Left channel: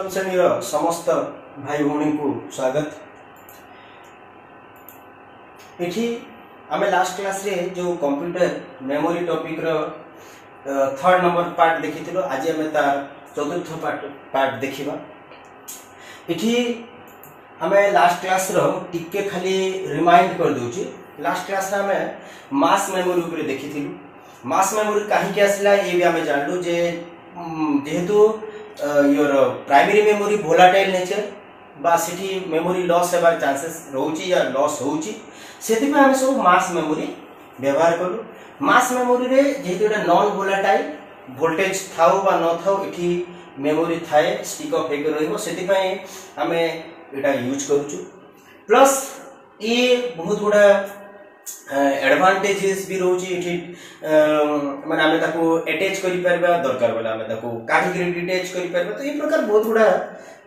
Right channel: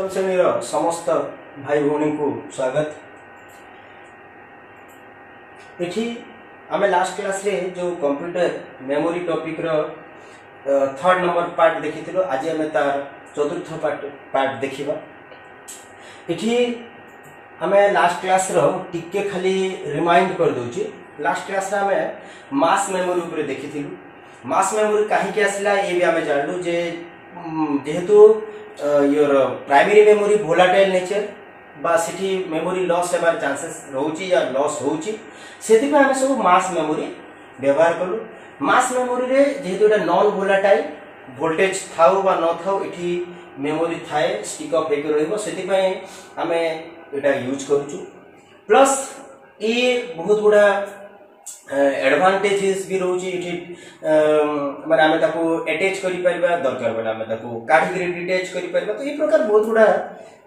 अष्टम श्रेणी समस्त भाई भौणी को स्वागत। इठी आमे लास्ट क्लास रे जो कंप्यूटर मेमोरी टॉपिक रो थर्ड नंबर पार्ट देखिथिलो। आज आमे तार चतुर्थ पार्ट देखिबा। इठी आमे लास्ट क्लास रो टिके खाली रिमाइंड कर दोची। लास्ट क्लास रे आमे मास मेमोरी ऊपर देखिथिलु। मास मेमोरी काहे के आसला ए भी आमे जानलु जे जेहेतु your primary memory volatile nature बा सिटी मेमोरी लॉस हेबार चांसेस रहउची या लॉस होउची, सेति पे हम सब मास मेमोरी व्यवहार करू। मास मेमोरी रे जेहेतु एटा नॉन वोलाटाइल वोल्टेज थाउ बा न थाउ एठी मेमोरी थाए स्टिक अप हेक रहइबो, सेति पय हमें एटा यूज करूछु। प्लस ए बहुत गुडा एडवांटेजेस भी रहउची। एठी माने हमें ताको अटैच करि परबा, दरकार बेला हमें ताको काढी के डिटैच करि परबा। तो ई प्रकार बहुत गुडा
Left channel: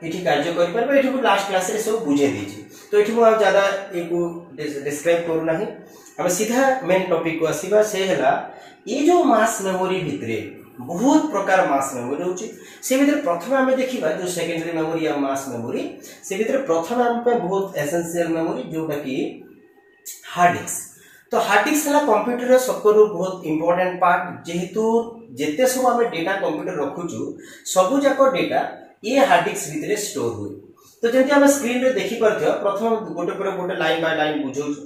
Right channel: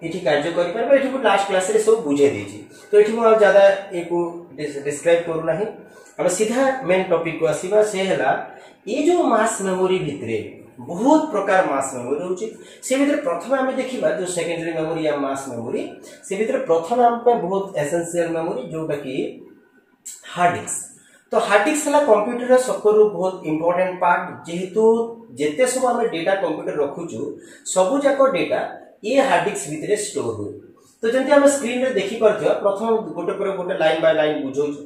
एठी कार्य करि परबा। एठी लास्ट क्लास रे सब बुझे देछि, तो एठी मु ज्यादा एको डिस्क्राइब करू नाही। हम सीधा मेन टॉपिक को आसीबा। से हला ए जो मास मेमोरी भितरे बहुत प्रकार मास मेमोरी होची। से भितरे प्रथम हमें देखिबा जो सेकेंडरी मेमोरी या मास मेमोरी। से भितरे प्रथम हम पे बहुत एसेंशियल मेमोरी जोटा कि हार्ड डिस्क। तो हार्ड डिस्क हला कंप्यूटर रे सबको बहुत इंपोर्टेंट पार्ट। जेहेतु जेते सब हमें डेटा कंप्यूटर रखुचु सबु जाको डेटा ये हार्ड डिस्क भितरे स्टोर हुए। तो जेंति हम स्क्रीन रे देखि परथियो, प्रथम गोटे पर गोटे लाइन बाय लाइन बुझौछु।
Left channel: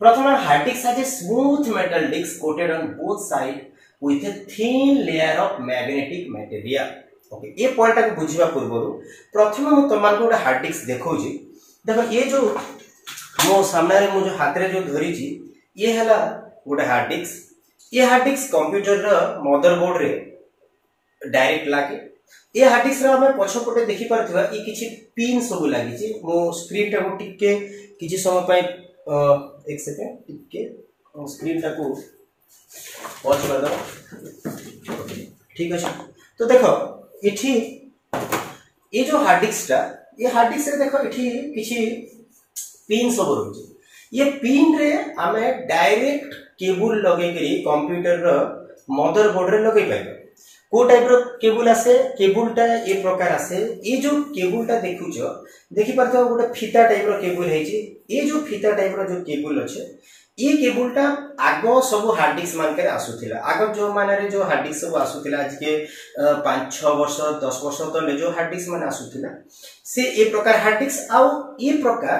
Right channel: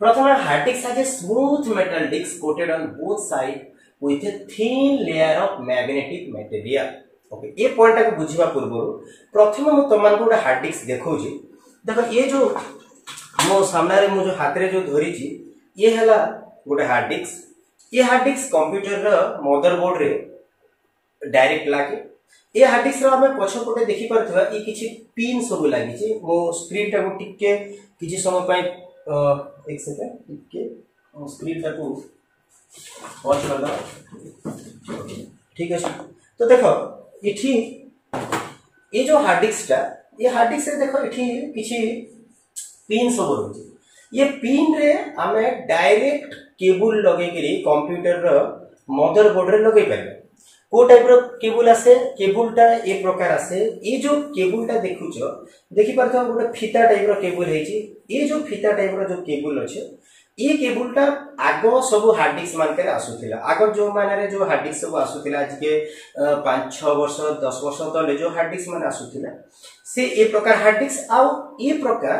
प्रथम hard disk has a smooth metal disk coated on both side with a thin layer of magnetic material। Okay, ये पॉइंट को बुझिबा पूर्व प्रथम हम तमान को हार्ड डिस्क देखौजी। देखो ये जो मो सामने रे मो जो हाथ रे जो धरी छी ये हला गोटे हार्ड डिस्क। ये हार्ड डिस्क कंप्यूटर रो मदरबोर्ड रे डायरेक्ट लागे। ये हार्ड डिस्क रो हमें पछपटे देखि परथवा ई किछि पिन सब लागि छी। मो स्क्रीन टा को टिके किछि समय पय एक सेकंड टिके स्क्रीन टा को पॉज कर दो। ठीक है, तो देखो इठी ये जो हार्ड डिस्क टा, ये हार्ड डिस्क रे देखो इठी किछि पिन सब रहउची। ये पिन रे हमें डायरेक्ट केबल लगे करी कंप्यूटर रो मदरबोर्ड रे लगे पाइबा। को टाइप रो केबल आसे, केबल टा ए प्रकार आसे। ये जो केबल टा देखुचो देखि परतो गोटे फीता टाइप रो केबल हेची। ये जो फीता टाइप रो जो केबल अछि ये केबल टा आगो सब हार्ड डिस्क मान के आसुथिला। आगो जो माने रे जो हार्ड डिस्क सब आसुथिला आज के 5-6 वर्ष 10 वर्ष तले जो हार्ड डिस्क माने आसुथिला से ए प्रकार हार्ड डिस्क आउ ए प्रकार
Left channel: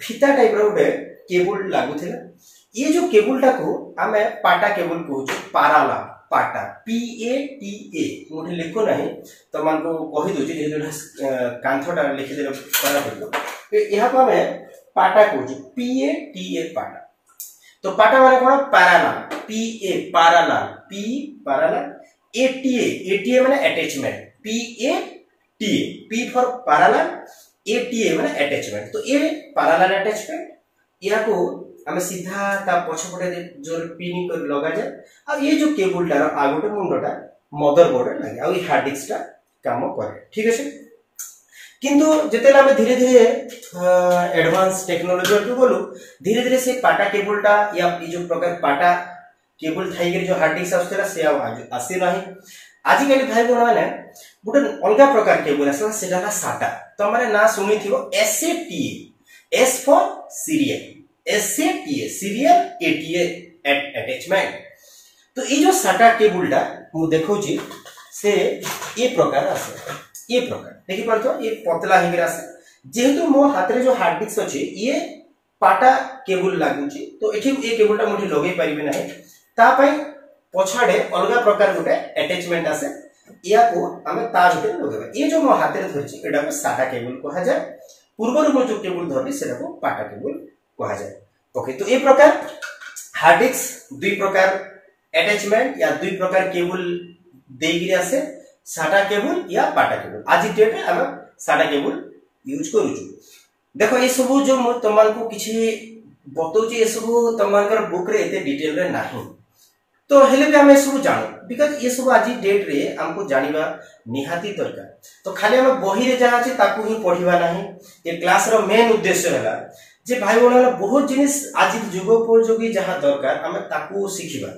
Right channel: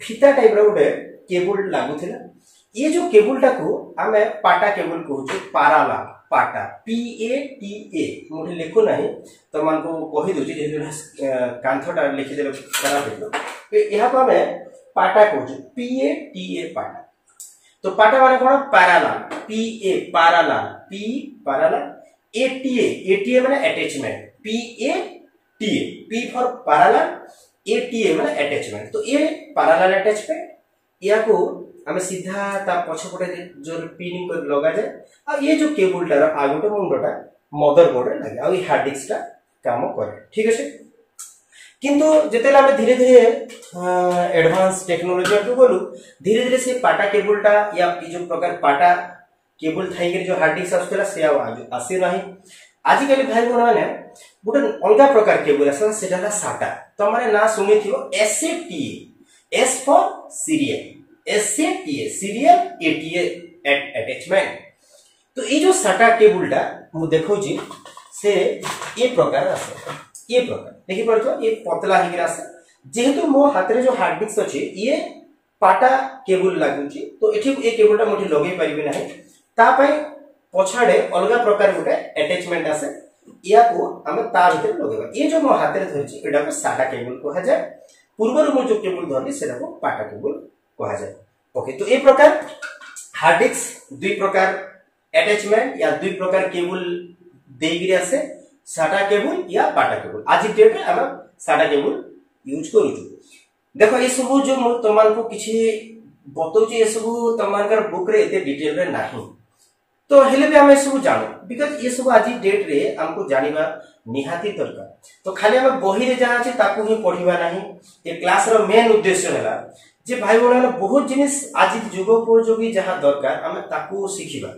फीता टाइप रो गोटे केबल लागुथिला। ये जो केबल टा को हमें पाटा केबल कहूछु। पाराला पाटा PATA मोठे लिखो नाही तो मान को कहि दोछि जे कांथटा लिखि देले करा पड़लो। एहा को हमें पाटा कहूछु PATA पाटा। तो पाटा माने कोन parallel PA parallel P parallel ATA माने attachment PATA P for parallel ATA माने अटैचमेंट। तो ये पैरेलल अटैचमेंट या को हमें सीधा ता पछपटे जो पिन कर लगा जाए। आ ये जो केबल टार आगोटे मुंडटा मदरबोर्ड रे लागे आ ये हार्ड डिस्क टा काम करे। ठीक है, किंतु जेतेला हम धीरे धीरे एडवांस टेक्नोलॉजी को बोलू धीरे धीरे से पाटा केबल टा या जो प्रकार पाटा केबल थाई के जो हार्ड डिस्क आसुतला से आसी नाही। आज कल भाई बहन माने गोटे अलगा प्रकार केबल आसा सेटा साटा। तो माने ना सुनी थिबो SATA, S for serial, SATA serial, ATA attachment. तो ये जो साटा केबल टा मु देखौ छी से ये प्रकार आसे। ये प्रकार देखि परतो ये पतला हिगिर आसे। जेहेतु मो हाथ रे जो हार्ड डिस्क अछि ये पाटा केबल लागुची, तो एठी ए केबल टा मोठी लगे परिबे नाही। ता पय पछाडे अलगा प्रकार गोटे अटैचमेंट आसे। या को हमें ता भीतर लगेबा। ये जो मो हाथ रे धरछि एडा को साटा केबल कहा जाय। पूर्वरु मो जो केबल धरली सेटा को पाटा केबल कहा जाय। ओके, तो ए प्रकार हार्ड डिस्क दुई प्रकार अटैचमेंट या दुई प्रकार केबल देगिरि आसे, साटा केबल या पाटा केबल। आज डेट रे हम साटा केबल यूज करूछु। देखो ये सब जो तमान को किछि बतौछि ये सब तमान कर बुक रे एते डिटेल रे नाही। तो हेले भी हम सब जानो बिकॉज़ ये सब आज डेट रे हमको जानिबा निहाती दरकार। तो खाली हम बही रे जाना छै ताकू ही पढिबा नाही। ये क्लास रो मेन उद्देश्य हला जे भाई बोला बहुत जिनिस आज जुगोपयोगी जहां दरकार हम ताकू सिखिबा।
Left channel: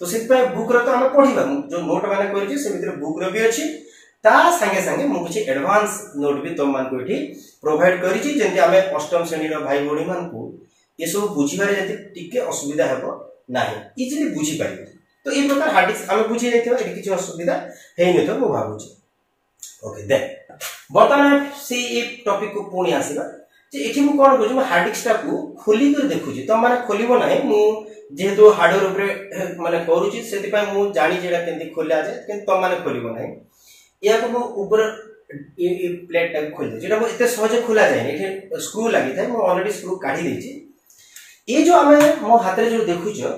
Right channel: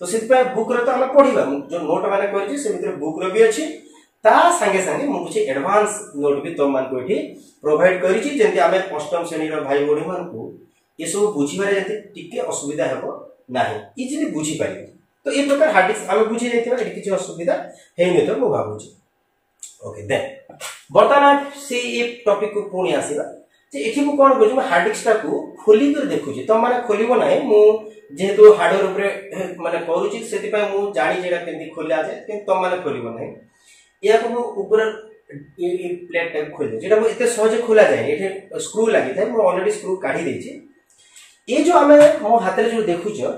तो सिर्फ बुक रो तो हम पढिबा जो नोट माने करछि से भीतर बुक रो भी अछि ता संगे संगे मु कुछ एडवांस नोट भी तुम मान को एठी प्रोवाइड करी छी जेंति हमें अष्टम श्रेणी रो भाई भौणी मान को ये सब बुझिबारे जति टिके असुविधा हेबो नाही इजिली बुझी पारिबे। तो ए प्रकार हार्ड डिस्क हमें बुझी जाइथिबा एठी किछ असुविधा हेइ नै तो मु भाबु छी। ओके देन वर्तमान से ए टॉपिक को पुणी आसीबा जे एठी मु कोन बुझु हार्ड डिस्क को खोली कर देखु छी तुम माने खोलिबो नाही मु जेहेतु हार्डवेयर ऊपर माने करू छी सेति पय मु जानि जेडा केंति खोला जाय कि तुम माने खोलिबो नाही या को मु ऊपर ए प्लेट टाइप खोल दे जेटा एते सहज खोला जाय एठी स्क्रू लागि थाय मु ऑलरेडी स्क्रू काढी देछि। ये जो हमें मो हाथ रे जो देखु छ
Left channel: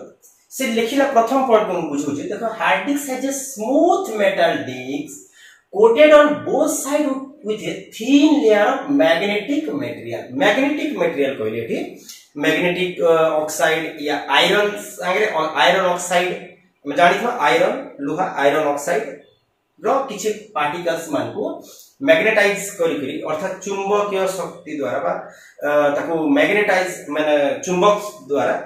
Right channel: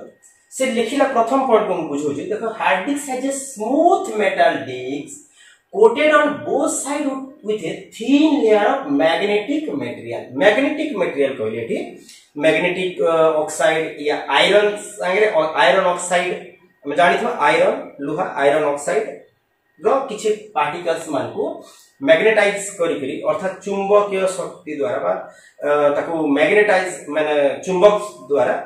से लिखिला प्रथम पॉइंट को बुझू छ देखो hard disk has a smooth metal disk coated on both sides with a thin layer of magnetic material। magnetic material कहले एठी मैग्नेटिक ऑक्साइड या आयरन संगे आयरन ऑक्साइड हम जानि छ आयरन लोहा आयरन ऑक्साइड रो किछि पार्टिकल्स मान को मैग्नेटाइज करी अर्थात चुंबकीय शक्ति द्वारा बा ताको मैग्नेटाइज माने चुंबक द्वारा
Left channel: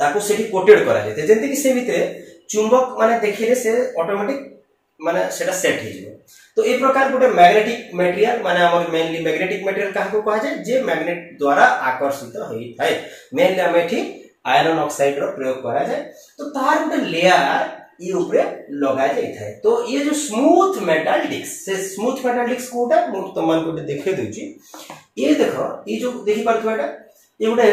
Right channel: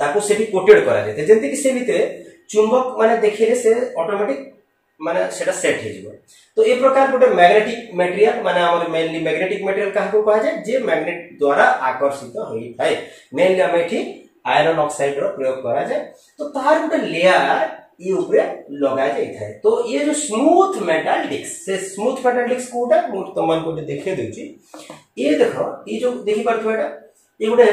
ताको सेठी कोटेड करा जाय जेंति कि से भितरे चुंबक माने देखिले से ऑटोमेटिक माने सेटा सेट हे जिवो। तो ए प्रकार गोटे मैग्नेटिक मटेरियल माने हमर मेनली मैग्नेटिक मटेरियल काहा को कहा जाय जे मैग्नेट द्वारा आकर्षित होई थाए मेनली हम एठी आयरन ऑक्साइड रो प्रयोग करा जाय। तो तार गोटे लेयर ये ऊपर लगा जाय थाए। तो ये जो स्मूथ मेटल डिस्क से स्मूथ मेटल डिस्क कोटा मु तमन को देखे देउची ये देखो ये जो देखि परथो एटा ये गोटे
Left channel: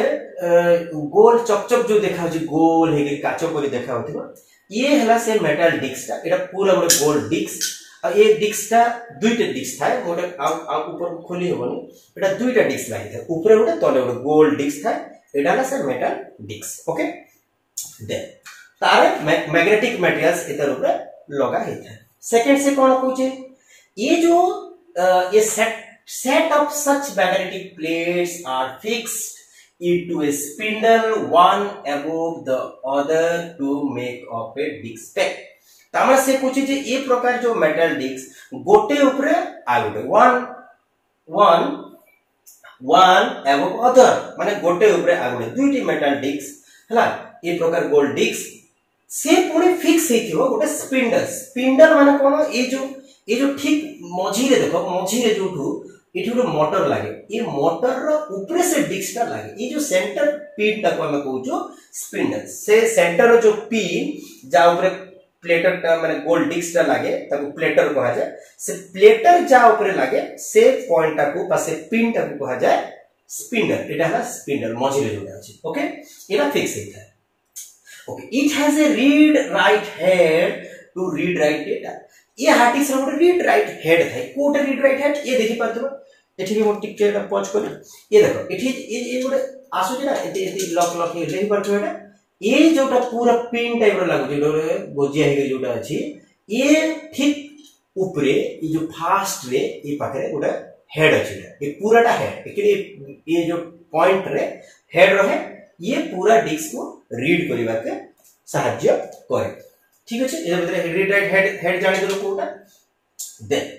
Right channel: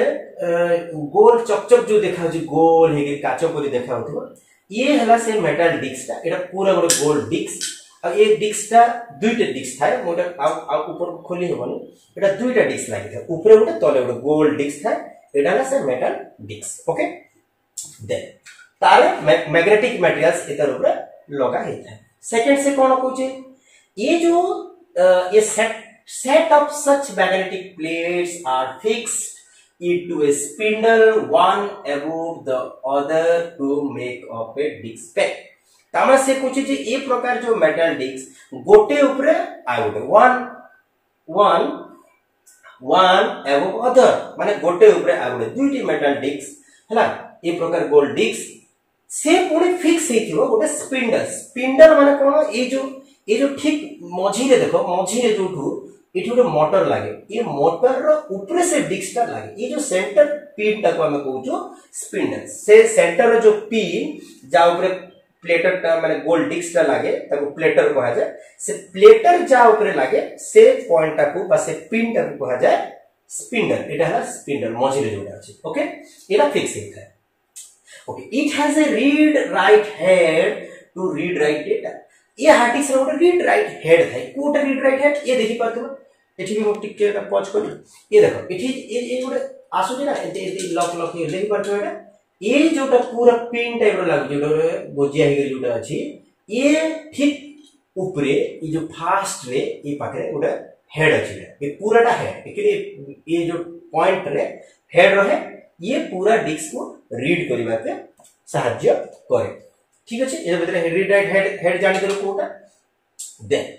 गोल चकचक जो देखा होची गोल हेगे काचो परी देखा होथिबो ये हला से मेटल डिस्क ता एटा पूरा गोटे गोल डिस्क आ ये डिस्क ता दुईटा डिस्क थाए गोटे आ ऊपर खोली होबनी एटा दुईटा डिस्क लागि था ऊपर गोटे तले गोटे गोल डिस्क थाए एटा हला से मेटल डिस्क। ओके देन तारे मैग्नेटिक मटेरियल्स एतर ऊपर लगा हे था। सेकंड से कोन कहूचे ये जो ये set of such magnetic plates are fixed into a spindle one above the other to make up a disc pack। तामा से पूछे जे ए प्रकार जो मेटल डिस्क गोटे ऊपर आ गोटे वन above other माने गोटे ऊपर आ गोटे दुईटी मेटल डिस्क हला ए प्रकार गोल्ड डिस्क से पुणी फिक्स हेथिबो गोटे स्पिंडल माने कोन ये जो ठीक मझी रे देखो मझी रे जोठू इठी गोटे मोटर लागे ये मोटर रो ऊपर से डिस्क लागे ये जो सेंटर पिन ता को हम कहूचो स्पिंडल से सेंटर रो जो पिन जा ऊपर प्लेटर ता माने गोल्ड डिस्क ता लागे ताको प्लेटर कहा जाय से प्लेटर जा ऊपर लागे से पॉइंट ता को पासे पिन ता को कहा जाय स्पिंडल एटा है स्पिंडल मझी रे जोडा अछि। ओके एटा फिक्स हेता है। Okay it has a read write head to read write data ये हार्ड डिस्क रो रीड राइट हेड थाए कोटे रीड राइट हेड ये देखि परथबो एठी भी हम टिक के पॉज करी ये देखो एठी ये गोटे आसुची ना एती लॉक ले परथबो एटा ये जोटा पूरा पिन टाइप रो लागु जो गोजिया हे जोटा अछि ये ठीक ऊपरे ये जो फास्ट रे ये पाखरे गोटे हेड अछि ये पूराटा हेड एक्चुअली ये जो पॉइंट रे हेड रहे ये पूरा डिस्क को रीड करिबा के सहाय्य करे। ठीक अछि ए भीतर रीड राइट हेड जानि देलो कोटा then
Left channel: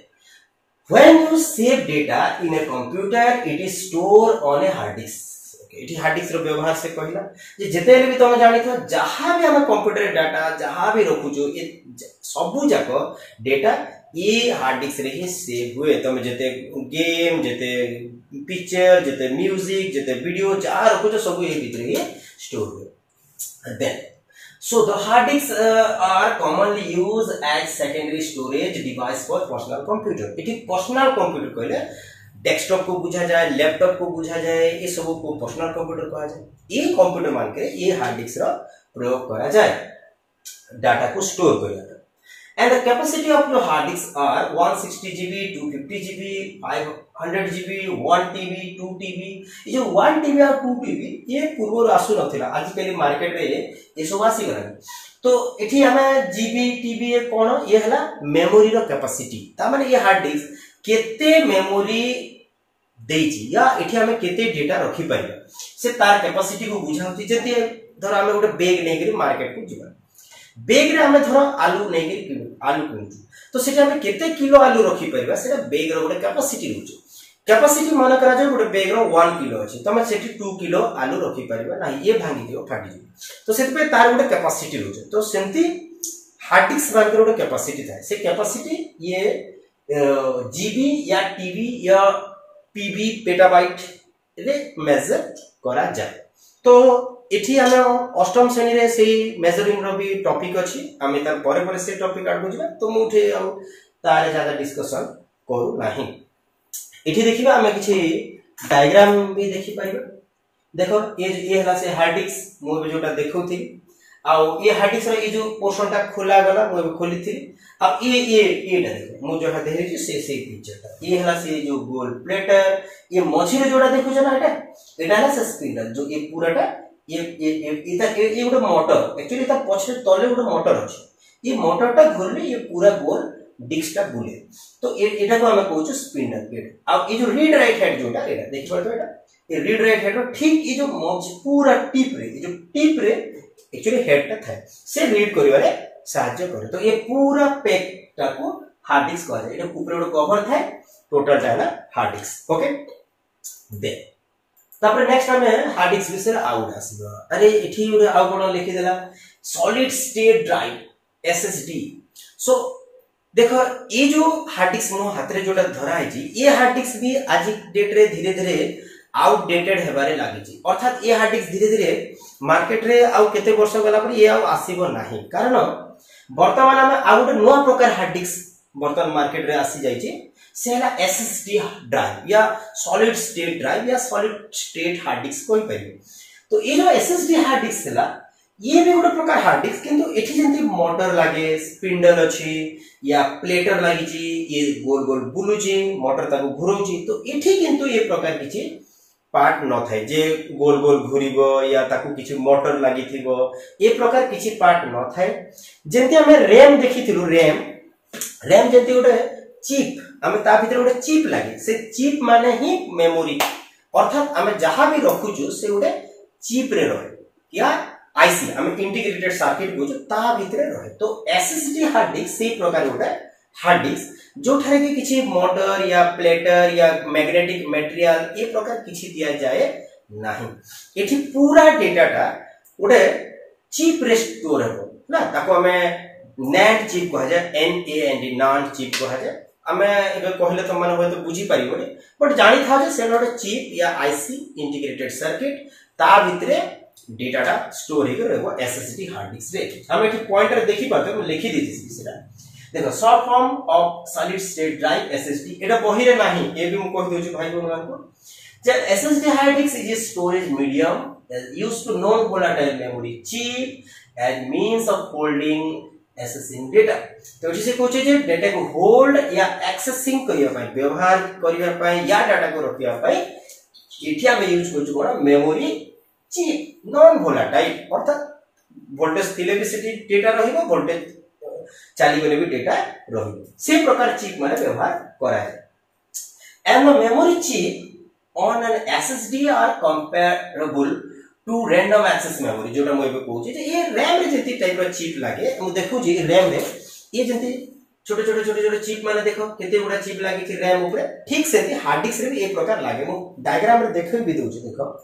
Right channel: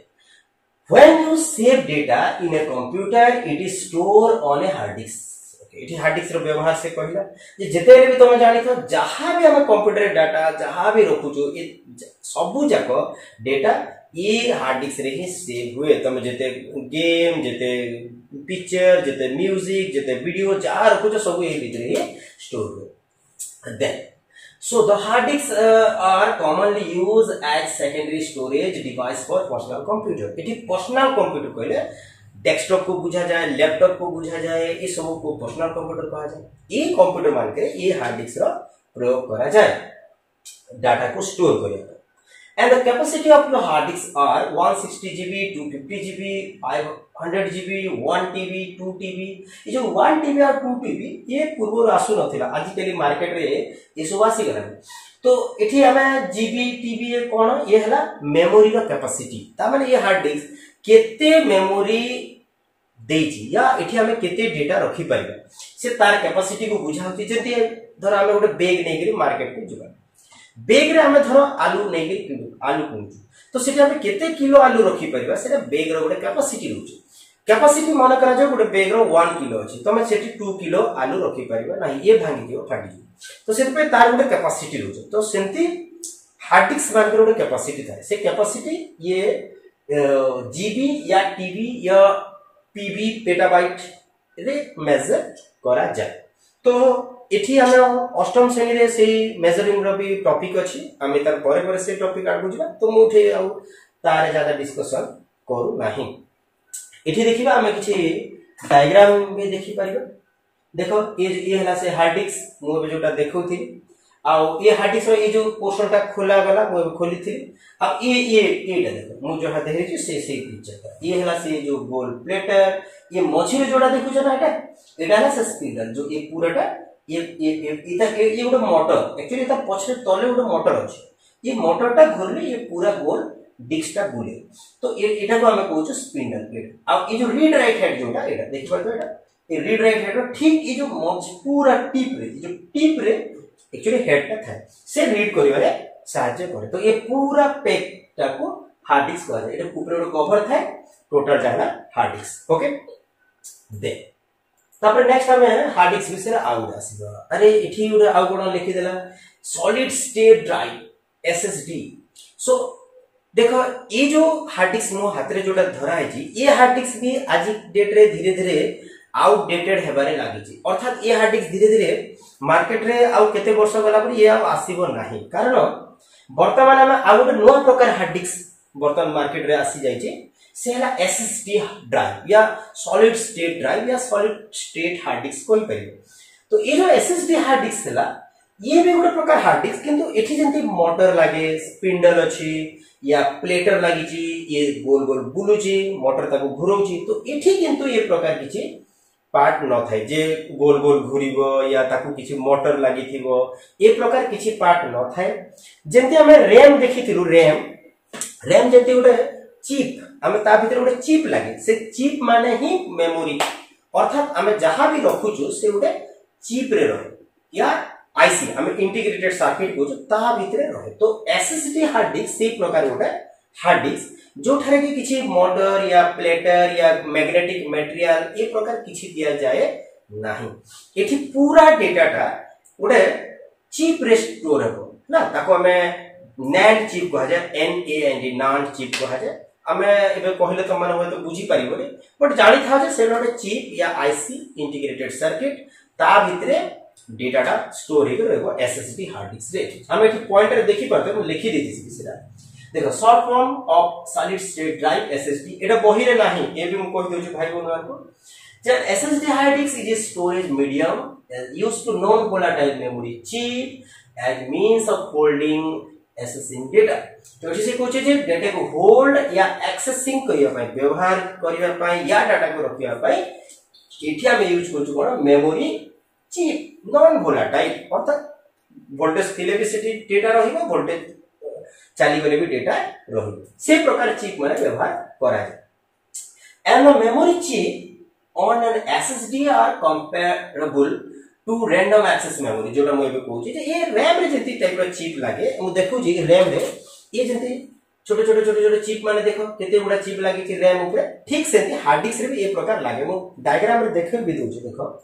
when you save data in a computer it is stored on a hard disk। Okay इठी हार्ड डिस्क रो व्यवहार से कहिला जे जते भी तुम जानि थो जहां भी हम कंप्यूटर डाटा जहां भी रखुचो ये सबु जाको डेटा ये हार्ड डिस्क रे ही सेव हुए तुम जते गेम जते पिक्चर जते म्यूजिक जते वीडियो जहां रखुचो सब ये भीतर ही स्टोर हुए। Then so the hard disks are commonly used as secondary storage device for personal computer। इठी पर्सनल कंप्यूटर कहले डेस्कटॉप को बुझा जाए लैपटॉप को बुझा जाए ये सब को पर्सनल कंप्यूटर कहा जाए। ये कंप्यूटर मान के ये हार्ड डिस्क रो प्रयोग करा जाए डाटा को स्टोर करिया and the capacity of the hard disk are 160 GB 250 GB 500 GB 1 TB 2 TB ये जो 1 TB और 2 TB ये पूर्व आसु नथिला आजिकली मार्केट रे ये सब आसी गलानी। तो एठी हमें जीबी टीबी ये कोन ये हला मेमोरी रो कैपेसिटी ता माने ये हार्ड डिस्क केते मेमोरी देछि या एठी हमें केते डेटा रखि पाइबा से तार कैपेसिटी को बुझाउती जति धर हमें गोटे बैग नै करी मार्केट को जिबा बैग रे हमें धरो आलू नै करी आलू किनु तो सेटा हमें केते किलो आलू रखि परिबा सेटा बैग रो गोटे कैपेसिटी रहउछ। कैपेसिटी मान करा जाय गोटे बैग रो 1 किलो अछि तमे सेठी 2 किलो आलू रखि परिबा नाही ये भांगी दियो फाटी दियो तो सेति पे तार गोटे कैपेसिटी रहउछ। तो सेंती हार्ड डिस्क मान गोटे कैपेसिटी थाए से कैपेसिटी ये जीबी या टीबी या पीबी पेटाबाइट रे मेजर करा जाए। तो एठी हम अष्टम श्रेणी रे से मेजरिंग रो भी टॉपिक अछि, हम तार परे परे से टॉपिक आगु जिबा, तो मुठे आ तारे ज्यादा डिस्कशन करू नाही। एठी देखिबा हम किछि डायग्राम भी देखि परिबा। देखो ये हला से हार्ड डिस्क मु जोटा देखौथि, आ ये हार्ड डिस्क रो ये जो पोर्शन टा खोला गला मु खोली थी। अब ये देखो मु जो देखे छी से पिक्चर ये हला से जो गोल प्लेटर, ये मझी रे जोटा देखु छ ना, एटा हला से स्पिंडल जो ये पूराटा ये गोटे मोटर, एक्चुअली ता पछरे तले गोटे मोटर अछि, ये मोटर टा घुरले ये पूरा गोल डिस्क टा बुले, तो एटा को हम कहू स्पिंडल प्लेट। अब ये जो रीड राइट हैंड जोटा एटा देखि परतो, एटा ये रीड राइट हैंड ठीक ये जो मझ पूरा टिप रे, ये जो टिप रे एक्चुअली हेड टा थाए से रीड करिवारे साहाय्य करे। तो ये पूरा पैक टा को हार्ड डिस्क कह जाय। एटा ऊपर गोटे कवर थाए, टोटल टा हार्ड डिस्क। ओके दे तापर नेक्स्ट हमें हार्ड डिस्क विषय आउट आसीबा। अरे एठी गोटे आउ कोन लिखि देला सॉलिड स्टेट ड्राइव एसएसडी। सो देखो ये जो हार्ड डिस्क मो हाथ रे जोटा धरा है जी, ये हार्ड डिस्क भी आज डेट रे धीरे धीरे आउटडेटेड हेबारे लागि छी, अर्थात ये हार्ड डिस्क धीरे धीरे मार्केट रे आउ केते वर्ष गला पर ये आउ आसीबो नाही, कारण वर्तमान में आउ गोटे नुवा प्रकार हार्ड डिस्क वर्तमान मार्केट रे आसी जाई छी, से हला एसएसडी ड्राइव या सॉलिड स्टेट ड्राइव या सॉलिड स्टेट हार्ड डिस्क कोइ परिबे। तो ये जो एसएसडी हार्ड डिस्क हला ये भी गोटे प्रकार हार्ड डिस्क, किंतु एठी जंती मोटर लागे, स्पिंडल अछि या प्लेटर लागि छी, ये गोल गोल बुलुची, मोटर ताको घुरौची, तो एठी किंतु ये प्रकार किछि पार्ट न थाए जे गोल गोल घुरिबो या ताकू किछि मोटर लागि थिबो, ए प्रकार किछि पार्ट न थाए। जेंति हमें रैम देखिथिलु, रैम जेंति गोटे चिप, हमें ता भीतर गोटे चिप लागे, से चिप माने ही मेमोरी, अर्थात हमें जहां भी रखुछु से गोटे चिप रे रहे या आईसी हमें इंटीग्रेटेड सर्किट को ता भीतर रहे। तो एसएसडी हार्ड डिस्क से प्रकार गोटे हार्ड डिस्क जो ठारे कि किछि मोटर या प्लेटर या मैग्नेटिक मटेरियल ए प्रकार किछि दिया जाए नाही। एठी पूरा डाटाटा गोटे चिप रे स्टोर हेबो ना, ताको हमें नैंड चिप कहा जाए, NAND नैंड चिप कहा जाए। हमें एबे कहले तो माने होय तो बुझी परिबोनी, बट जानि था जे से गोटे चिप या आईसी इंटीग्रेटेड सर्किट ता भितरे डाटाटा स्टोर हेको रहबो एसएसडी हार्ड डिस्क रे। हम एठी पॉइंटर देखि पाते, मैं लिखि देति बिसरा। देखो short form of solid state drive SSD, एटा बही रे नाही, ए भी हम कहि दोछु भाई बहन को जे SSD hard disk is a storage medium used to non volatile memory chip as means of holding accessing data। तो जैसे कहछे जे डाटा को होल्ड या एक्सेसिंग करिया पई, व्यवहार करिया पई या डाटा को रखिया पई एठी हम यूज करछु कोन मेमोरी चिप नॉन वोलाटाइल, अर्थात वोल्टेज थिले भी सेठी डेटा रहिबो, वोल्टेज चाली गले भी डेटा रहिबो, से प्रकार चिप माने व्यवहार करा जाय। And the memory chip on an SSD are comparable to random access memory, जोटा मु एबे कहूची जे ये रैम रे जति टाइप रो चिप लागे। मु देखू जी रैम रे ये जति छोटे छोटे छोटे छोटे चिप माने देखो केते गुडा चिप लागे छी रैम ऊपर, ठीक से हार्ड डिस्क रे भी ए प्रकार लागे। मु डायग्राम रे देखै भी दोची, देखो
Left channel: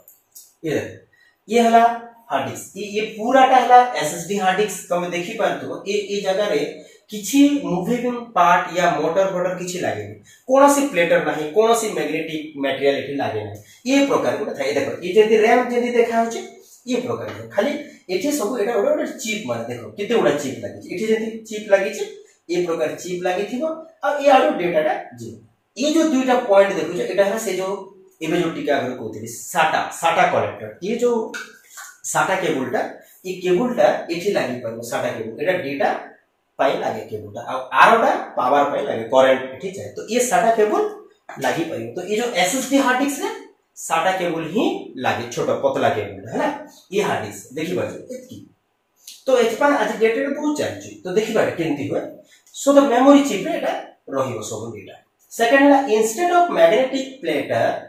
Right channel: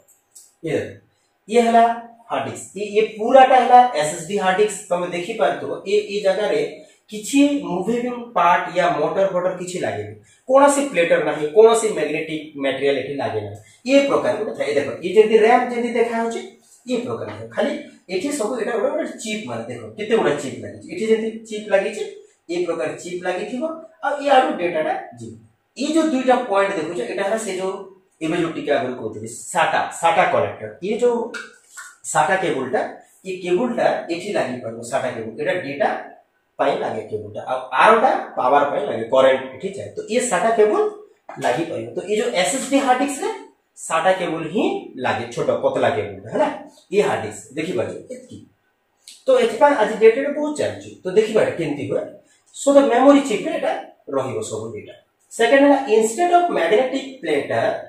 ये हला हार्ड डिस्क, ये पूराटा हला एसएसडी हार्ड डिस्क। तमे देखि पारतो ए जगह रे किछि मूविंग पार्ट या मोटर फोटर किछि लागे, कोनोसी प्लेटर नाही, कोनोसी मैग्नेटिक मटेरियल एठी लागे नाही, ये प्रकार को थाए। देखो ये जति रैम जति देखा होची ये प्रकार है, खाली एठी सब एटा ओडा चिप माने देखो केते ओडा चिप लागी छी, एठी जति चिप लागी छी ये प्रकार चिप लागी थिबो, आ ये आडो डेटाटा जी ये जो दुईटा पॉइंट देखो छ एटा है से जो एबे जो टिका अगर कहतली साटा कनेक्टर, ये जो साटा केबलटा, ये केबलटा एठी लागी परबो, साटा केबल एटा डेटा पाई लागे केबलटा, आ आरोटा पावर पाई लागे करंट एठी जाय, तो ये साटा केबल लागी परबो। तो ये जो एसएसडी हार्ड डिस्क रे साटा केबल ही लागे, छोटा पतला केबल है ना, ये हार्ड डिस्क देखि बाजो एतकी। तो एथपा आज डेटा रे बहुत चलछि, तो देखि बाटे केनती होय। सो द मेमोरी चिप रे एटा रहिबो सब डेटा। सेकंड है instead of magnetic platter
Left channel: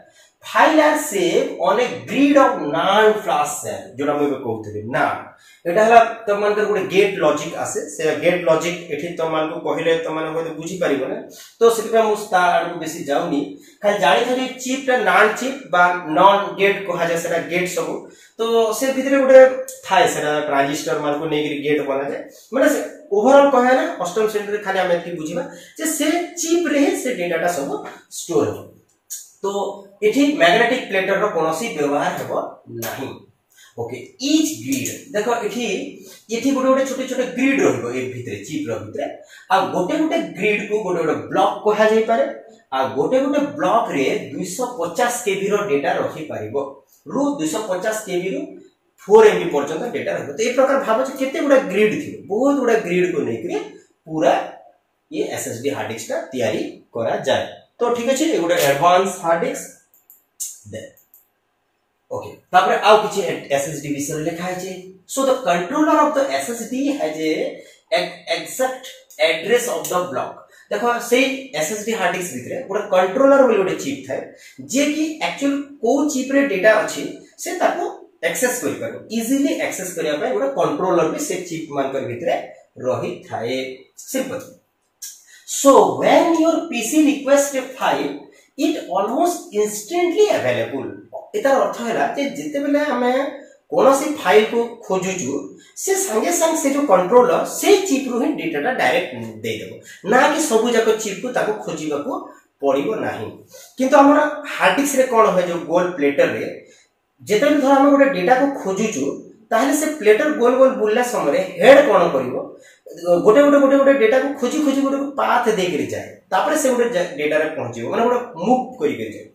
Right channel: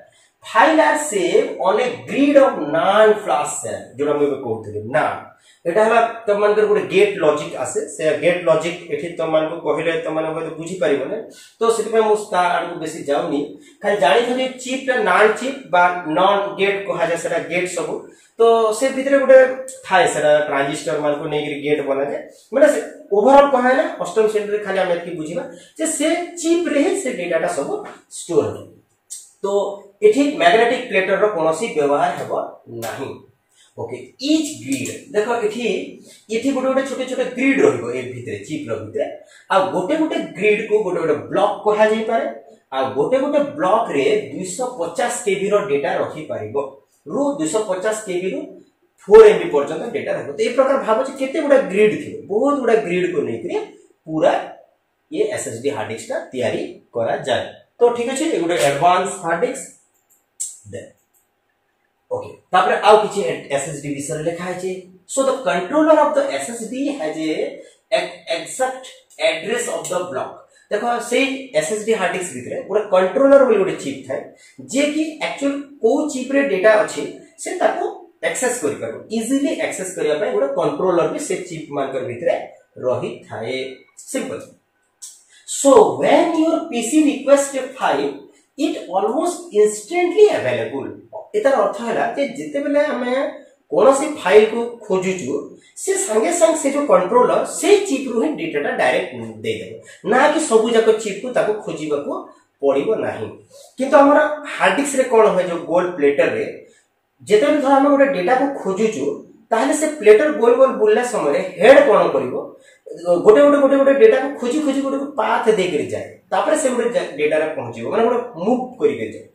file are save on a grid of NAND flash cell जोटा मुझे कहते ना एटा हला तुम मान गोटे गेट लॉजिक आसे से गेट लॉजिक एठी तुम मान को कहले तुम मान को बुझी परिबो ना तो सेति पे मु स्टार को बेसी जाउनी खाली जानि था जे चिप टा नॉन चिप बा नॉन गेट कहा जाय सेटा गेट सब तो से भितरे गोटे थाए सेटा ट्रांजिस्टर मान को नेगिरी गेट बना जाय माने से ओवरऑल कहे ना अष्टम श्रेणी रे खाली हम एतकी बुझिबा जे से चिप रे से डेटाटा सब स्टोर हो तो एठी मैग्नेटिक प्लेटर रो कोनोसी व्यवहार हेबो नाही ओके ईच ग्रिड देखो एठी गोटे गोटे छोटे छोटे ग्रिड रहइबो ए भितरे चिप रो भितरे आ गोटे गोटे ग्रिड को गोटे गोटे ब्लॉक कहा जाय पारे आ गोटे गोटे ब्लॉक रे 250 केबी रो डेटा रखि पारिबो रो 250 केबी रो 4 एमबी पर्यंत डेटा रहबो तो ए प्रकार भाबो जे केते गुडा ग्रिड थिबो बहुत गुडा ग्रिड को नेकरे पूरा ये एसएसडी हार्ड डिस्क ता तयारी करा जाय तो ठीक अछि ए गुडा एडवांस हार्ड डिस्क दे ओके तापर आउ किछि एसएसडी विषय लिखा है so the controller of the SSD has a exact address of the block देखो से एसएसडी हार्ड डिस्क भितरे पूरा कंट्रोलर बोली गोटे चिप थाए जे कि एक्चुअल को चिप रे डेटा अछि से ताको एक्सेस करि पाबो इजीली एक्सेस करिया पे गोटे कंट्रोलर भी से चिप मान कर भितरे रही थाए simple so when your PC request a file it almost instantly available एतार अर्थ हैला जे जते बेले हमें कोनोसी फाइल को खोजुचु से संगे संग से जो कंट्रोलर से चिप रु ही डेटाटा डायरेक्ट दे देबो ना कि सबु जाको चिप को ताको खोजिबा को पड़िबो नाही किंतु हमरा हार्ड डिस्क रे कोन होय जो गोल प्लेटर रे जते धर हम गोटे डेटा को खोजुचु ताहले से प्लेटर गोल गोल बुलला समय हेड कोन करिवो गोटे डेटा को खोजी खोजी गोटे पाथ दे कर जाए तापर से गोटे डेटा रे पहुंचिबो माने गोटे मूव करि के जाए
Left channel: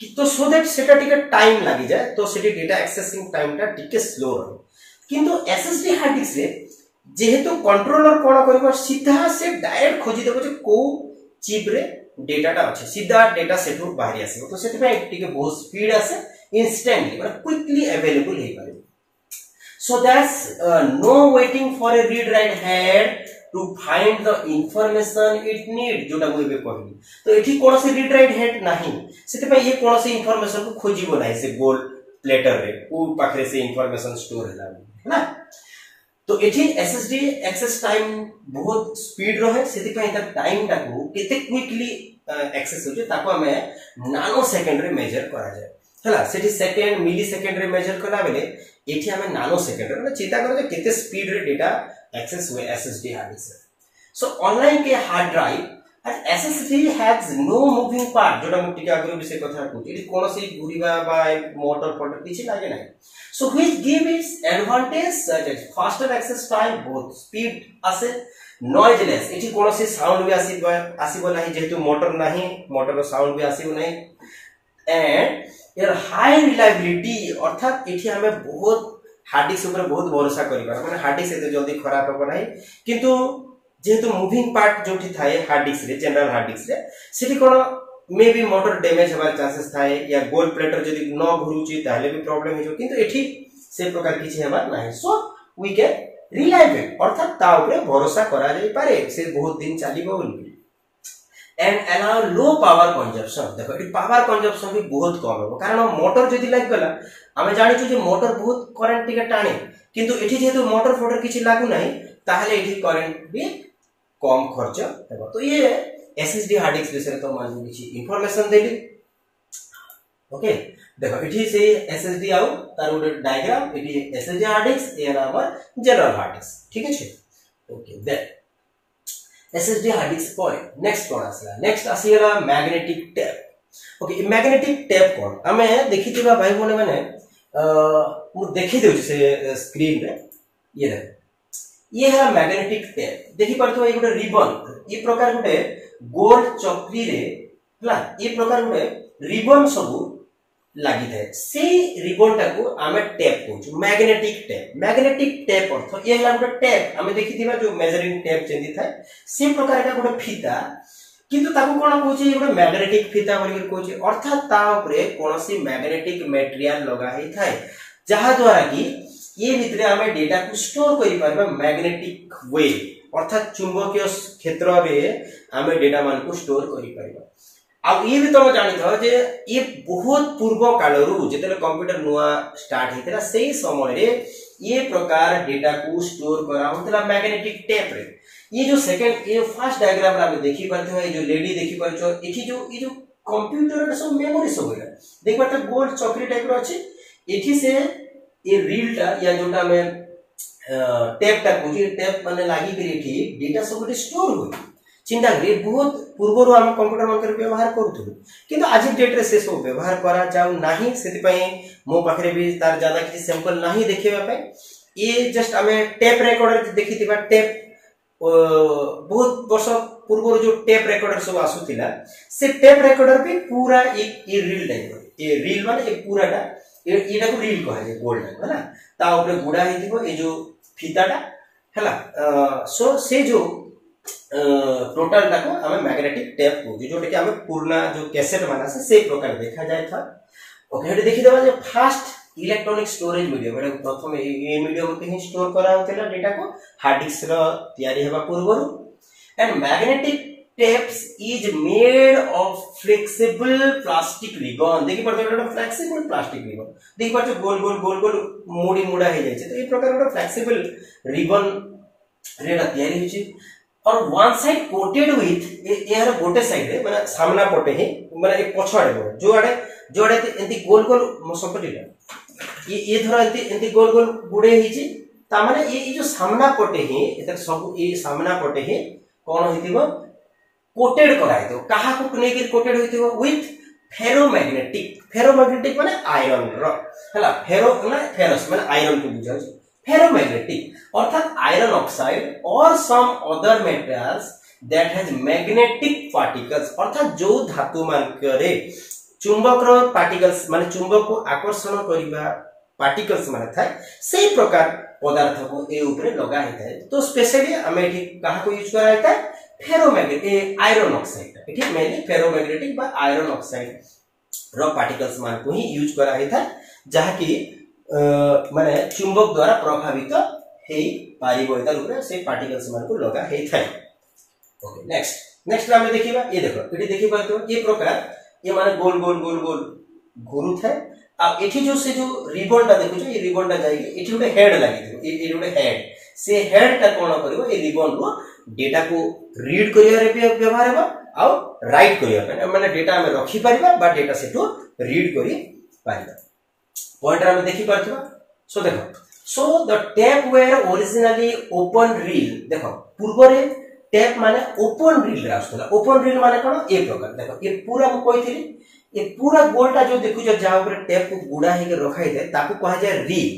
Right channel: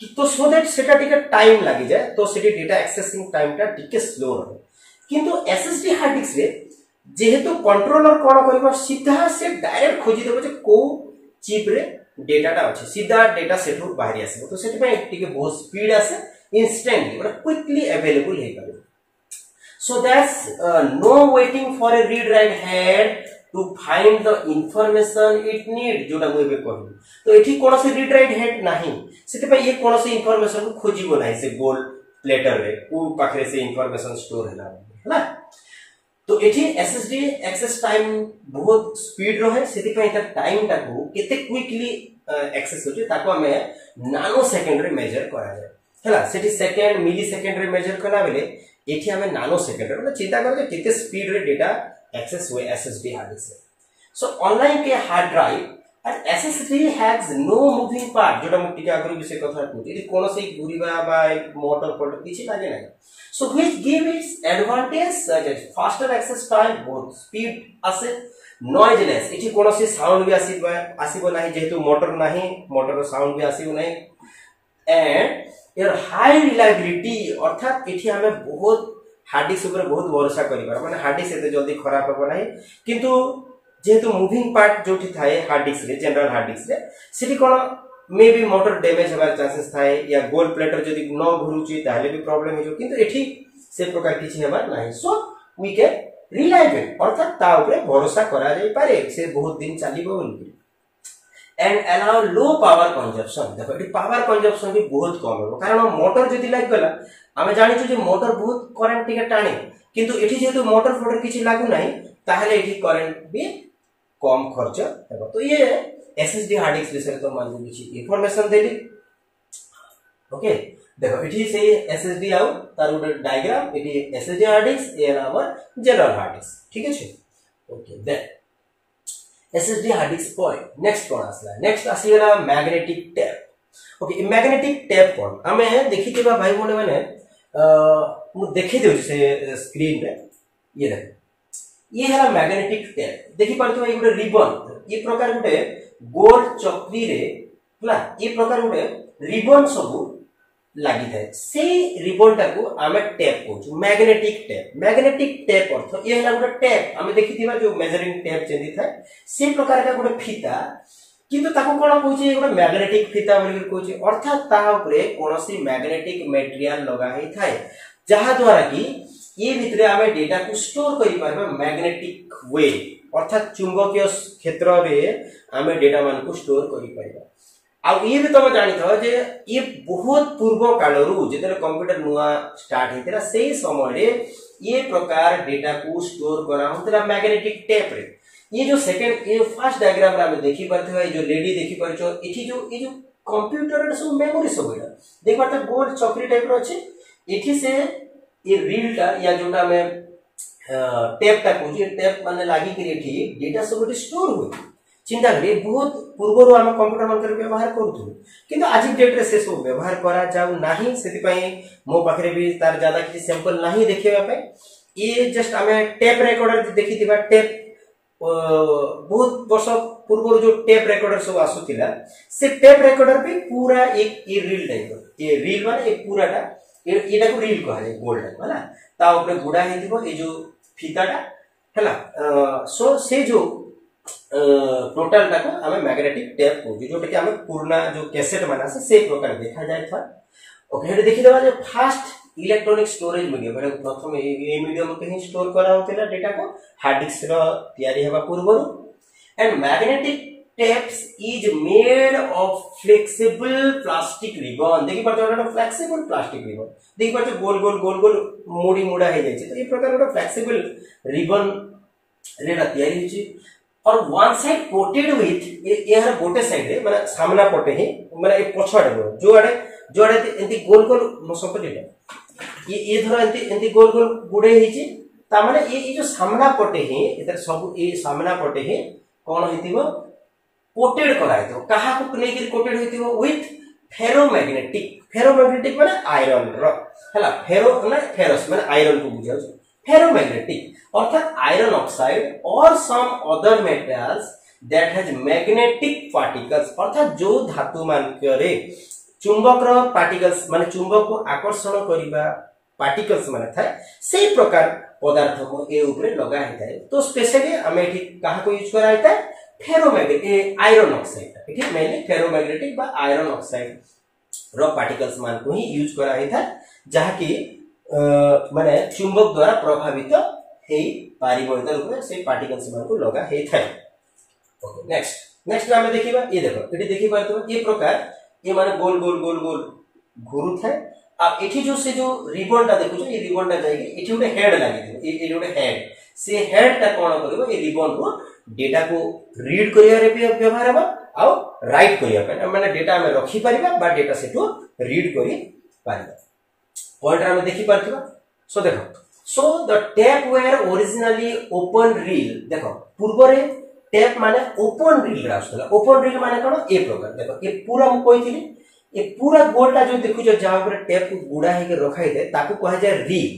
कि तो सो दैट सेटा टिके टाइम लागि जाए तो सेटी डेटा एक्सेसिंग टाइम टा टिके स्लो रहे किंतु एसएसडी हार्ड डिस्क रे जेहेतु कंट्रोलर कोन करबो सीधा से डायरेक्ट खोजी देबो जे को चिप रे डेटाटा अछि सीधा डेटा सेठु बाहरी आसीबो तो सेठी पे टिके बहुत स्पीड आसे इंस्टेंटली मतलब क्विकली अवेलेबल हे पारे so that's no waiting for a read write head to find the information it need जोटा मुझे कहली तो एठी कोनोसी रीड राइट हेड नाही सेते पे ये कोनोसी इंफॉर्मेशन को खोजिबो नाही से गोल प्लेटर रे उ पाखरे से इंफॉर्मेशन स्टोर हैला हैला तो एठी एसएसडी एक्सेस टाइम बहुत स्पीड रहे सेते पे एटा टाइम टा को केते क्विकली एक्सेस होजे ताको हमें नानो सेकंड रे मेजर करा जाय हैला सेठी सेकंड मिली सेकंड रे मेजर कला बेले एठी हमें नानो सेकंड रे मतलब चिंता करो जे केते स्पीड रे डेटा एक्सेस हुए SSD hard disk so online के hard drive and SSD has no moving part जोटा हम टिका आगु विषय कथा कहू एठी कोनो से घुरीबा बा मोटर फोटो किछि लागे नाही so which give its advantage such as faster access time बहुत स्पीड आसे नॉइजलेस एठी कोनो से साउंड भी आसीबो नाही जेहेतु मोटर नाही मोटर साउंड भी आसीबो नाही एंड यार हाई रिलायबिलिटी अर्थात एठी हमें बहुत हार्ड डिस्क ऊपर बहुत भरोसा करिबा माने हार्ड डिस्क एते जल्दी खराब हो नाही किंतु जेहेतु मूविंग पार्ट जोठी थाए हार्ड डिस्क रे जनरल हार्ड डिस्क रे सेठी कोन मे बी मोटर डैमेज होबार चांसेस थाए या गोल प्लेटर जदी न घुरुची ताले भी प्रॉब्लम हे जो किंतु एठी से प्रकार किछि हेबार नाही सो वी कैन रिलायबल अर्थात ता ऊपर भरोसा करा जाई पारे से बहुत दिन चलीबो बोली and allow low power consumption देखो ये पावर कंजम्पशन भी बहुत कम हो कारण मोटर जदी लाग गला हमें जानि छु जे मोटर बहुत करंट टिके टाणे किंतु एठी जेतु मोटर फोटर किछि लागु नाही ताहले एठी करंट भी कम खर्च हेबो तो ये एसएसडी हार्ड डिस्क विषय तो मान किछि इंफॉर्मेशन देली ओके देखो एठी से एसएसडी आउ तार गोटे डायग्राम एठी एसएसडी हार्ड डिस्क ये हमर जनरल हार्ड डिस्क ठीक अछि okay then SSD hard disk पर नेक्स्ट कोन आसला नेक्स्ट आसीला magnetic tape okay magnetic tape कोन हमें देखिथिबा भाई बोने माने मु देखि देउ से स्क्रीन रे ये देखो ये है मैग्नेटिक टेप देखि परतो ये गोटे रिबन ये प्रकार गोटे गोल चक्री रे हला ये प्रकार गोटे रिबन सब लागि थाए से रिबन टा को हमें टेप कहू मैग्नेटिक टेप अर्थ ये हला गोटे टेप हमें देखिथिबा जो मेजरिंग टेप जेंदी थाए से प्रकार का गोटे फीता किंतु ताको कोन कहूची गोटे मैग्नेटिक फीता बोली कहूची अर्थात ता ऊपर कोनोसी मैग्नेटिक मटेरियल लगा ही थाए जहा द्वारा कि ये भितरे हमें डेटा को स्टोर करि पारबा मैग्नेटिक वे अर्थात चुंबकीय क्षेत्र रे हमें डेटा मान को स्टोर करि पारबा आ ये भी तुम जानी था जे ये बहुत पूर्व कालरू जेतेले कंप्यूटर नुआ स्टार्ट हेतरा सेही समय रे ये प्रकार डेटा को स्टोर करा होतला मैग्नेटिक टेप रे। ये जो सेकंड ये फर्स्ट डायग्राम रे हम देखि परथे है जो लेडी देखि परछो एठी जो ये जो कंप्यूटर रे सब मेमोरी सब होइला देख परते गोल चक्री टाइप रो अछि एठी से ये रील टा या जोटा में टेप टा को टेप माने लागि करी एठी डेटा सब स्टोर होई चिंता करी बहुत पूर्व हम कंप्यूटर मन कर व्यवहार करूथु किंतु आज डेट रे से सब व्यवहार करा जाउ नाही सेति पई मो पाखरे भी तार ज्यादा किछि सैंपल नाही देखेबा पे ये जस्ट हमें टेप रिकॉर्डर देखिथिबा टेप बहुत वर्ष पूर्व जो टेप रिकॉर्डर सब आसुतिला से टेप रिकॉर्डर पे पूरा एक ये रील टाइप ये रील माने एक पूराटा एटा को रील कहा जाय गोल्ड हैला ता ऊपर गुडा हेतिबो ए जो फीताटा हैला सो से जो टोटल टाको हमें मैग्नेटिक टेप को जोटा कि हमें पुराना जो कैसेट माना से प्रकार देखा जाय था। ओके हेटे देखि देबा जे फास्ट इलेक्ट्रॉनिक स्टोरेज मीडियम एटा प्रथम ए मीडियम कहीं स्टोर करा होतिला डेटा को हार्ड डिस्क रो तयारी हेबा पूर्व and magnetic tapes is made of flexible plastic ribbon देखि परतो एटा फ्लेक्सिबल प्लास्टिक रिबन देखि परतो गोल गोल गोल गोल मोडी मुडा हे जाय छै तो ए प्रकार एटा फ्लेक्सिबल रिबन रेडा तयारी होछि और वन साइड कोटेड विथ यार गोटे साइड रे माने सामना पटे ही माने ए पछाडे जो आडे एंती गोल गोल मोसपटिला ये धर एंती गोल गोल गुडे हिची ता माने ये जो सामना पटे ही एतर सब ए सामना पटे ही कोन हितिबो कोटेड करा हितो कहा को नै कि कोटेड हितिबो विथ फेरोमैग्नेटिक माने आयरन रो हला फेरो माने फेरस माने आयरन को बुझाउ फेरोमैग्नेटिक अर्थात आयरन ऑक्साइड और some other metals that has magnetic particles अर्थात जो धातु मान करे चुंबक रो पार्टिकल्स माने चुंबक को आकर्षण करिबा पार्टिकल्स माने थाए सेही प्रकार पदार्थ को ए ऊपर लगा हेताय तो स्पेशली हमें एठी कहा को यूज करा हेताय फेरोमैग्नेटिक आयरन ऑक्साइड एठी मेनली फेरोमैग्नेटिक बा आयरन ऑक्साइड रो पार्टिकल्स मान को ही यूज करा हेताय जहा कि माने चुंबक द्वारा प्रभावित हेई पारिबो एतर ऊपर से पार्टिकल्स मान को लगा हेताय। ओके नेक्स्ट हमें देखिबा ये देखो एठी देखि पातो ये प्रकार ये माने गोल गोल गोल गोल घुरु थाए आ एठी जो से जो रिबन टा देखु ये रिबन टा जाई एठी उडे हेड लागि ये उडे हेड से हेड टा कोन करबो ये रिबन रो डेटा को रीड करिया रे व्यवहार हबा आ राइट करिया पे माने डेटा में रखि परिबा बा डेटा से तो रीड करि परिबा पॉइंट हम देखि परथिबा सो देखो so the tape were originally open reel देखो पूर्व रे टेप माने ओपन रील रास्तला ओपन रील माने कोन ए प्रकार देखो ये पूरा मु कहिथिली ये पूरा गोलटा जो देखु जो जहां ऊपर टेप को गुडा हे के रखाई दे ताकू कहा जाय रील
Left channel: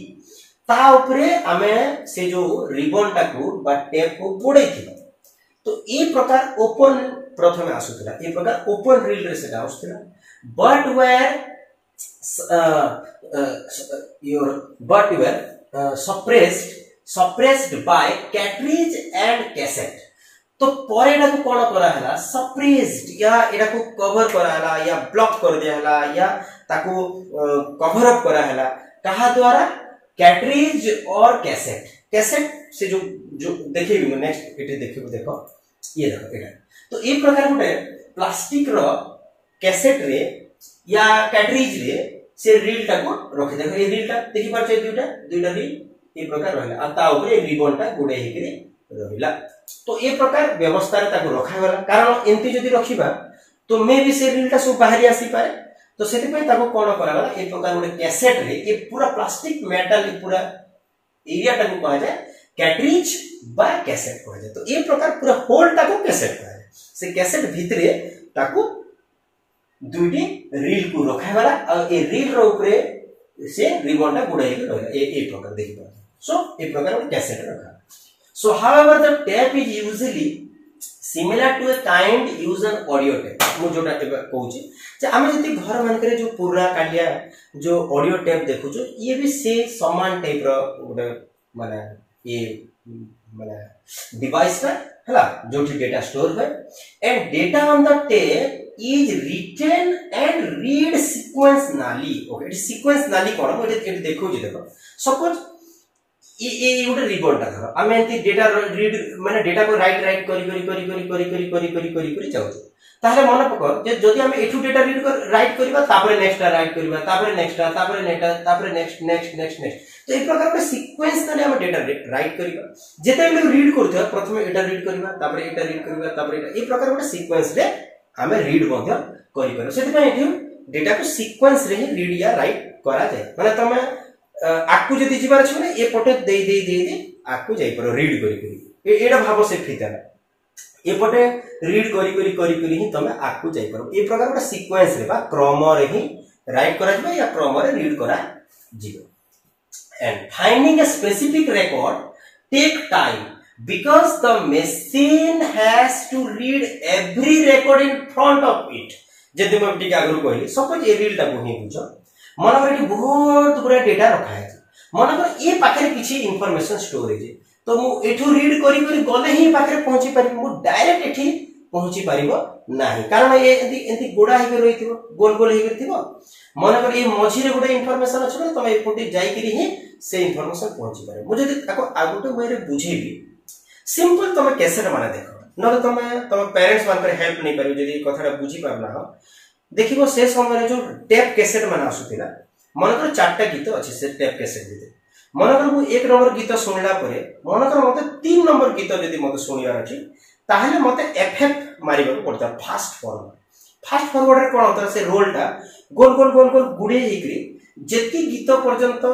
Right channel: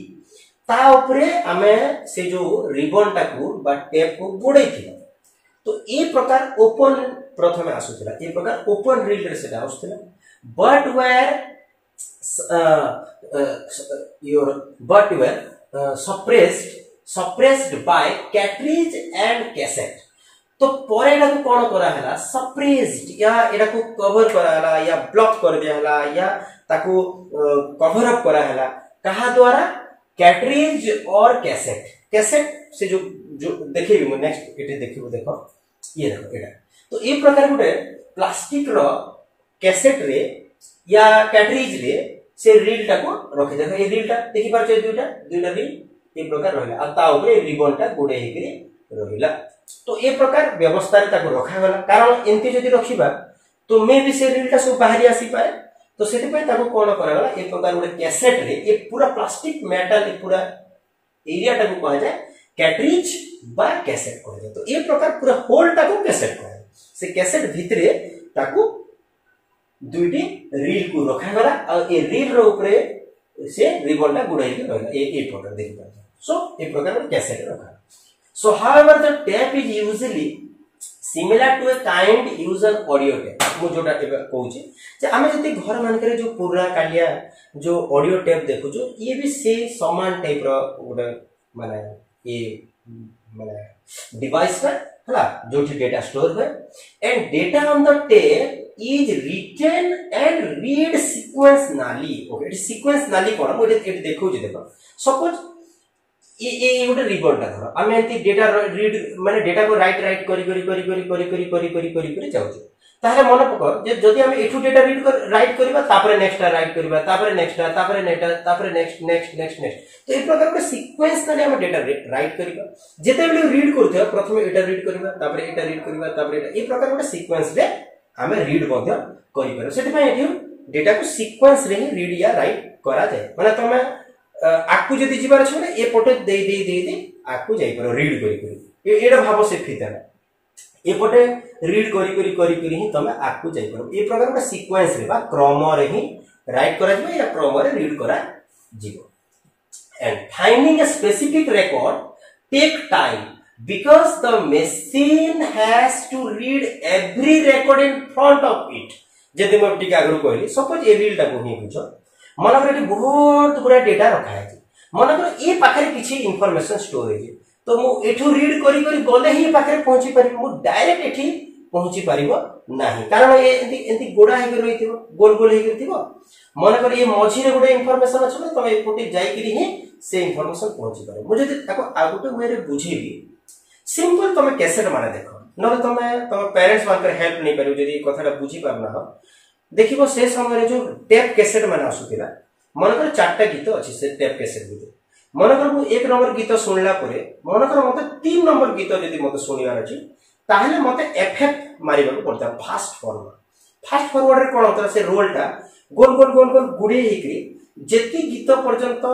ता ऊपरे हमें से जो रिबन टाकू बा टेप को गुडै थिला तो ए प्रकार ओपन प्रथमे आसुतला ए प्रकार ओपन रील रे सेटा आसुतला but were suppressed by cartridge and cassette तो पर एटा को कोन करा हला सप्रेस्ड या एटा को कवर करा हला या ब्लॉक कर दिया हला या ताको कवर अप करा हला कहा द्वारा कैट्रिज और कैसेट से जो देखिबी मैं नेक्स्ट एटे देखिबो देखो ये देखो एटा तो ए प्रकार गुटे प्लास्टिक रो कैसेट रे या कैट्रिज रे से रील टा को रखि देखो ए रील टा देखि पार छै दुटा रील ए प्रकार रहला आ ता ऊपर रिबन टा गुडे हेकरी रहिला तो ए प्रकार व्यवस्था रे ताको रखा गला कारण एंती जदी रखिबा तो मे भी से रील टा सब बाहरी आसी पारे तो सेति पे ताको कोन करा गला ए प्रकार गुडे कैसेट रे ए पूरा प्लास्टिक मेटल ए पूरा एरिया टा को कहा जाय कैट्रिज बा कैसेट कहा जाय तो ए प्रकार पूरा होल टा को कैसेट कहा जाय से कैसेट भितरे ताको दुईटी रील को रखा गला आ ए रील रो ऊपर से रिबन टा गुडाई के रहला ए प्रकार देखि सो ए प्रकार कैसेट रखा so however the tape is usually similar to a kind used an audio tape मु जोटा कहूची जे आमे जति घर मान करे जो पुराना कालिया जो ऑडियो टेप देखु जो ये भी से समान टाइप रो गोटे माने ये माने डिवाइस है हला जो डेटा स्टोर है and data on the tape is written and read sequentially okay it sequence nali कोन मु एटी देखु जे देखो सपोज ये गोटे रिबन टा धर आमे एंती डेटा रीड माने डेटा को राइट करी जाउ ताहले मन पक जे जदि हम एठू डेटा रीड कर राइट करबा तापरे नेक्स्ट राइट करबा तापरे नेक्स्ट तापरे नेक्स्ट तो ए प्रकार के सीक्वेंस तने हम डेटा राइट करबा जेते बेले रीड करथो प्रथमे एटा रीड करबा तापरे एटा रीड करबा तापरे एटा ए प्रकार के सीक्वेंस रे हम रीड मध्य करि परबा सेति पय एठी डेटा को सीक्वेंस रे रीड या राइट करा जाय माने तमे आकु जदि जिबार छ माने ए पटे दे आकु जाई पर रीड करी एडा भाव से फिताना ए पटे रीड करी ही तमे आकु जाई पर ए प्रकार का सीक्वेंस रे बा क्रम रे ही राइट करा जिवो या क्रम रे रीड करा जिवो and finding a specific record take time because the machine has to read every record in front of it जदि मैं टिका आगु कहली सपोज ए रील टा को ही बुझो मन कर बहुत गुरा डेटा रखा है मन कर ए पाखरे किछि इंफॉर्मेशन स्टोरेज तो मु एठू रीड करी गले ही पाखरे पहुंची पारि मु डायरेक्ट एठी पहुंची पारिबो नाही कारण ए एंती गोडा हे रहिथिबो गोल हे करथिबो मन कर ए मझी रे गोटे इंफॉर्मेशन अछि तो ए पोटे जाई करी ही से इंफॉर्मेशन पहुंची पारे मु जदि ताको आगुटे वे रे बुझेबी सिंपल तमे कैसेट माने देखो न तमे पेरेंट्स मान कर हेल्प नहीं पारिबो जदि कथाटा बुझी पारना हो देखिबो से समय जो टेप कैसेट माने आसुतिला मन कर चारटा गीत अछि से टेप कैसेट दिते मन कर मु एक नंबर गीत सुनला परे मन कर मते 3 नंबर गीत जदि मते सुनियार अछि ताहले मते एफएफ मारिबा को पड़ता फास्ट फॉरवर्ड रे कोन होता से रोलटा गोल गुडे हेकरी जेति गीत पर्यंत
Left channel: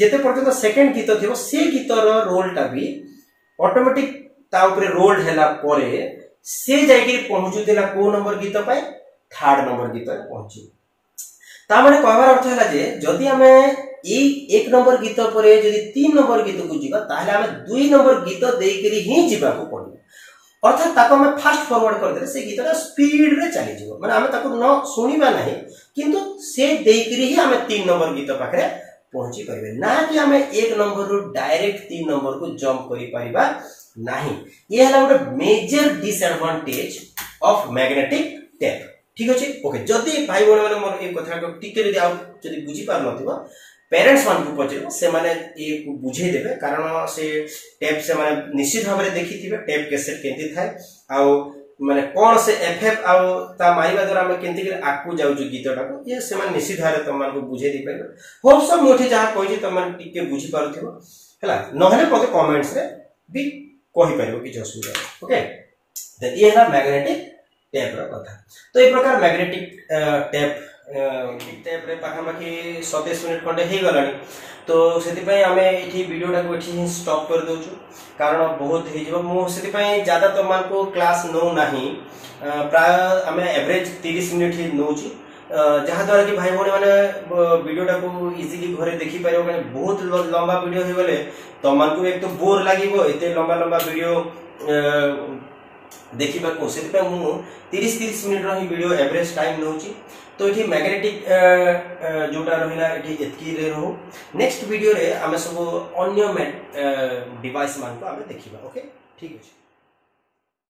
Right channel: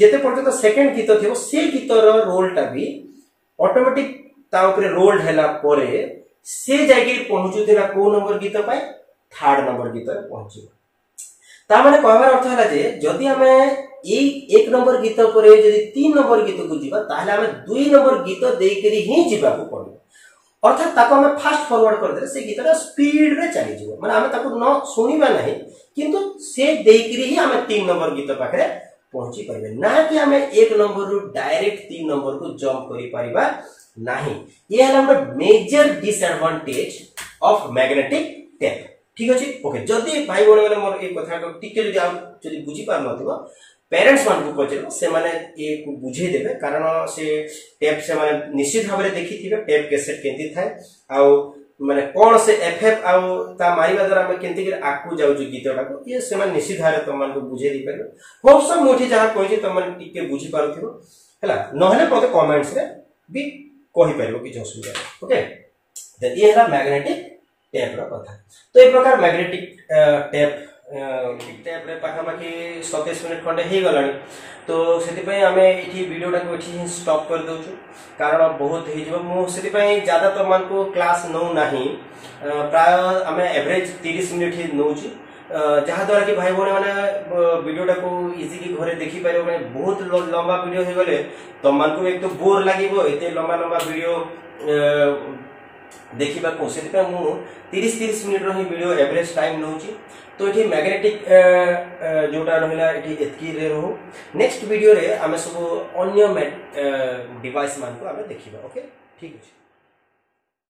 जेते पर्यंत सेकंड गीत थिबो से गीतर रोलटा भी ऑटोमेटिक ता ऊपर रोल्ड हैला परे से जाई पहुंचुतिला को नंबर गीत पाए थर्ड नंबर गीत रे पहुंची ता माने कहबार अर्थ हैला जे जदि हमें एक नंबर गीत परे जदि 3 नंबर गीत को जीवा ताहले हमें 2 नंबर गीत देई करी ही जीवा को पड़ो अर्थात ताको हमें फास्ट फॉरवर्ड कर दे से गीतरा स्पीड रे चली जीवो माने हमें ताको न सुनिबा नहीं किंतु से देई करी ही हमें 3 नंबर गीत पाखरे पहुंची परिबे ना कि हमें एक नंबर रु डायरेक्ट 3 नंबर को जंप करि परिबा नहीं ये हला हमर major disadvantage of magnetic tape ठीक अछि ओके जदी भाई बण माने मोर ए कथा को टिके जदी आ जदी बुझी पार नथिबो पेरेंट्स मान को पचरो से माने ए को बुझे देबे कारण से टेप से माने निश्चित भाबरे देखिथिबे टेप कैसेट केंती थाए आ माने कोन से एफएफ आ ता मारिबा द्वारा हम केंती के आकु जाउ जो गीतटा को ये से माने निश्चित धारे त मान को बुझे दी परबे होप सब मोठी जहा कहै त मान टिके बुझी पारुथिबो हला नहले पते कमेंट्स रे भी कहि परिबो कि असुविधा ओके देन ये है मैग्नेटिक टेप रो कथा तो ए प्रकार मैग्नेटिक टेप रे पाखापाखि 27 मिनिट खंडे हे गलानी तो सेति पय हमें एठी वीडियोटा को एठी स्टॉप कर दोछु कारण बहुत हे जिवो मु सेति पय ज्यादा तो मान को क्लास नो नाही प्राय हमें एवरेज 30 मिनिट ही नोची जहा द्वारा कि भाई बने माने वीडियोटा को इजीली घरे देखि पारो माने बहुत लंबा वीडियो हे गले तो मान को एक तो बोर लागिवो एते लंबा वीडियो देखिबा को सेति पे मु 30 मिनिट रही वीडियो एवरेज टाइम नउची तो एठी मैग्नेटिक जोटा रहिला एठी एतकी रे रहो नेक्स्ट वीडियो रे हमें सब अन्य डिवाइस मान को हमें देखिबा ओके ठीक अछि।